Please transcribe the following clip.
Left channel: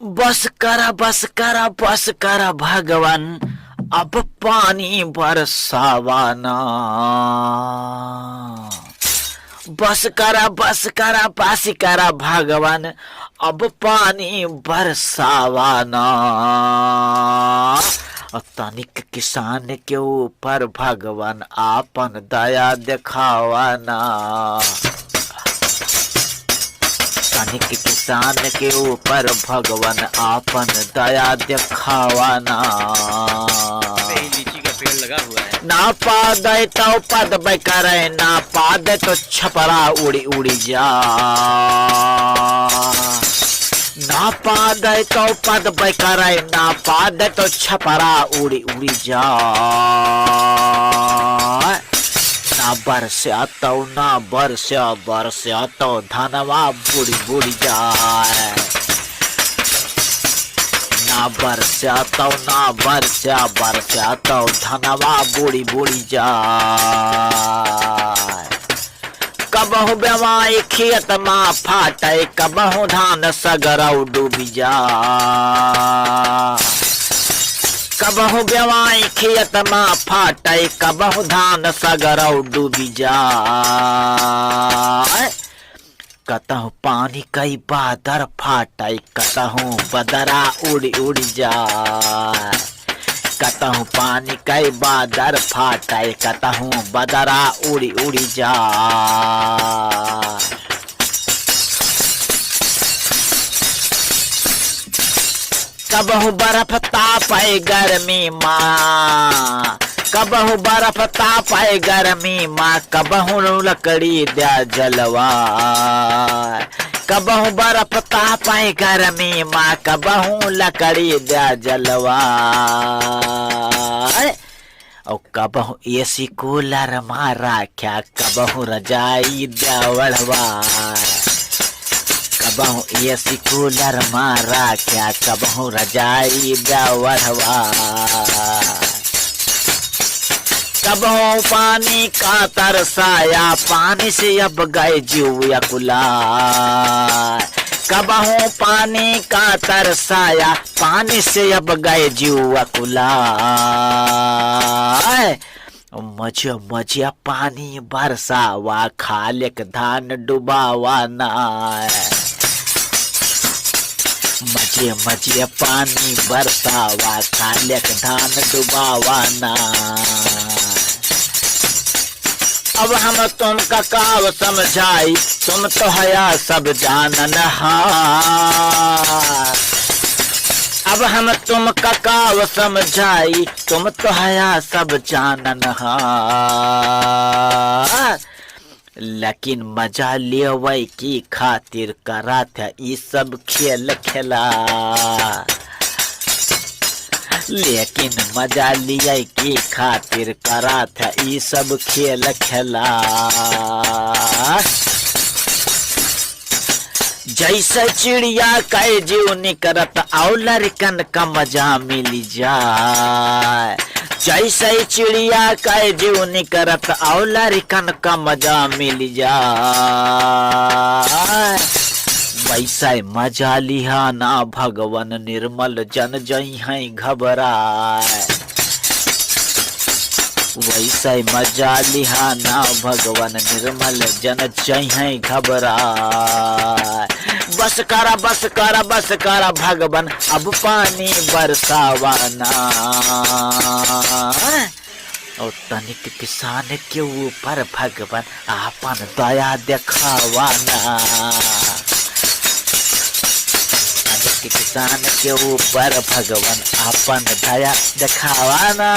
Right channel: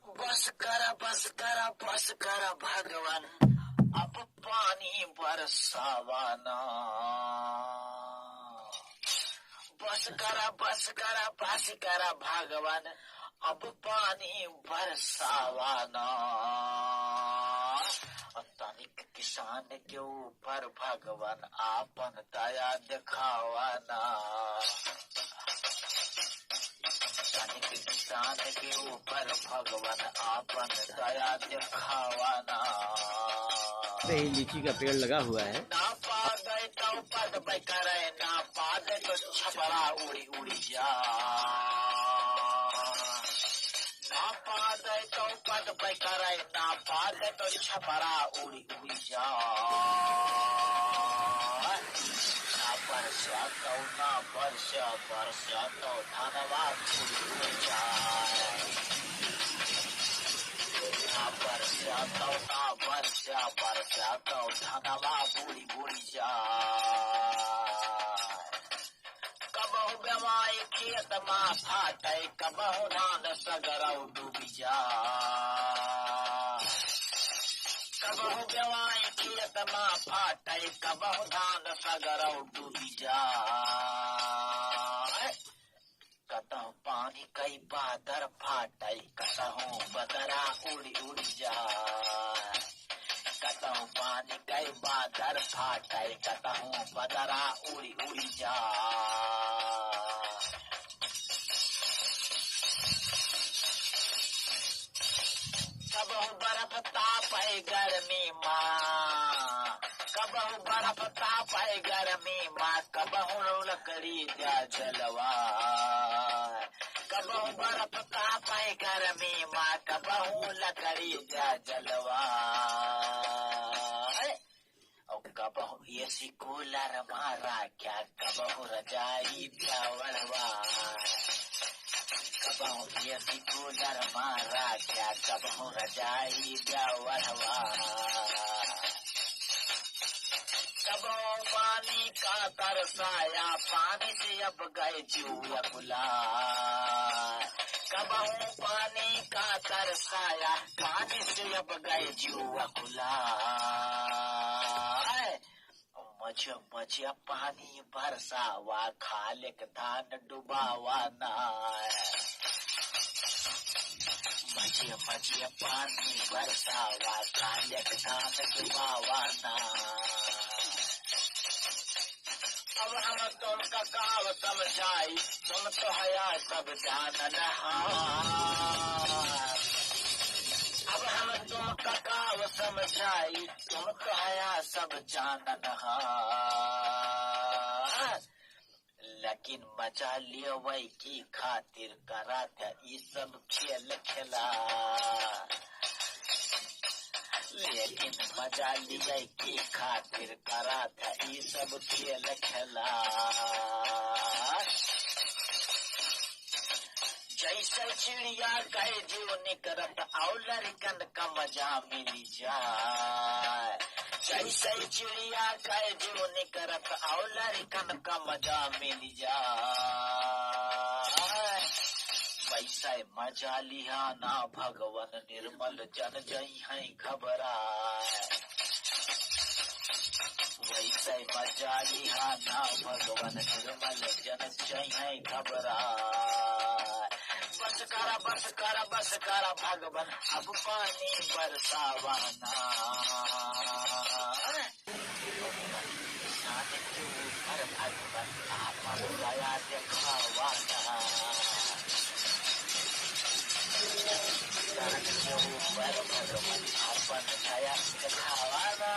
बस करा भगवान, अब पानी बरसावाना। बस करा भगवान, अब पानी बरसावाना। तनिक किसान के ऊपर भगवान आपन दया दिखावाना। तनिक किसान के ऊपर भगवान आपन दया दिखावाना। लीची का पेड़ लगा हुआ है। ना पादे तो पद करे, ना पादे तो छपरा उड़ी उड़ी जा। ना पादे तो पद करे, ना पादे तो छपरा उड़ी उड़ी जा। ना बरसा तो धनवा बुड़ी बुड़ी जाए। ना बरसा तो धनवा बुड़ी बुड़ी जाए। कबहू बेवाई खेत मा फाटे, कबहू धान सगरौ डूबी जा। कबहू बेवाई खेत मा फाटे, कबहू धान सगरौ डूबी जा। कतहु पानी कई बादर फाटे, कतहु बदरा उड़ी उड़ी जाए। कतहु पानी कई बादर फाटे, कतहु बदरा उड़ी उड़ी जाए। कबहु बर्फ तापे गर्मी माँ, कबहू बर्फ तापे गर्मी माँ, कबहू लकड़ी दे जलवा। कबहू बर्फ तापे गर्मी माँ, कबहू लकड़ी दे जलवा। और कबहू एसी कूलर माँ राख्या, कबहू रजाई दे वढ़वा। कबहू एसी कूलर माँ राख्या, कबहू रजाई दे वढ़वा। कबहू पानी का तरसाया, पानी से अब गए जीव अकुला। कबहू पानी का तरसाया, पानी से अब गए जीव अकुला। मजिया पानी बरसावा, खालिक धान डुबावा ना। मजिया पानी बरसावा, खालिक धान डुबावा ना। अब हम तुम का काव समझाई, तुम तो हया सब जानन हार। अब हम तुम का काव समझाई, तुम तो हया सब जानन हार। लेकिन मजा लेवै की खातिर करा था ई सब खेल खेला। लेकिन मजा लिया की खातिर करा था ई सब खेल खेला। जैसे चिड़िया के जीव निकरत, और लड़कन का मजा मिल जाए। जैसे चिड़िया के जीव निकरत, और लड़कन का मजा मिल जाए। वैसे मजा लिहा ना भगवान, निर्मल जन जई है घबराए। वैसे मजा लिहा ना भगवान, निर्मल जन जई है घबराए। बस करा भगवान, अब पानी बरसावाना। और तनिक किसान के ऊपर भगवान आपन दया दिखावाना। किसान के ऊपर भगवान आपन दया दिखावाना।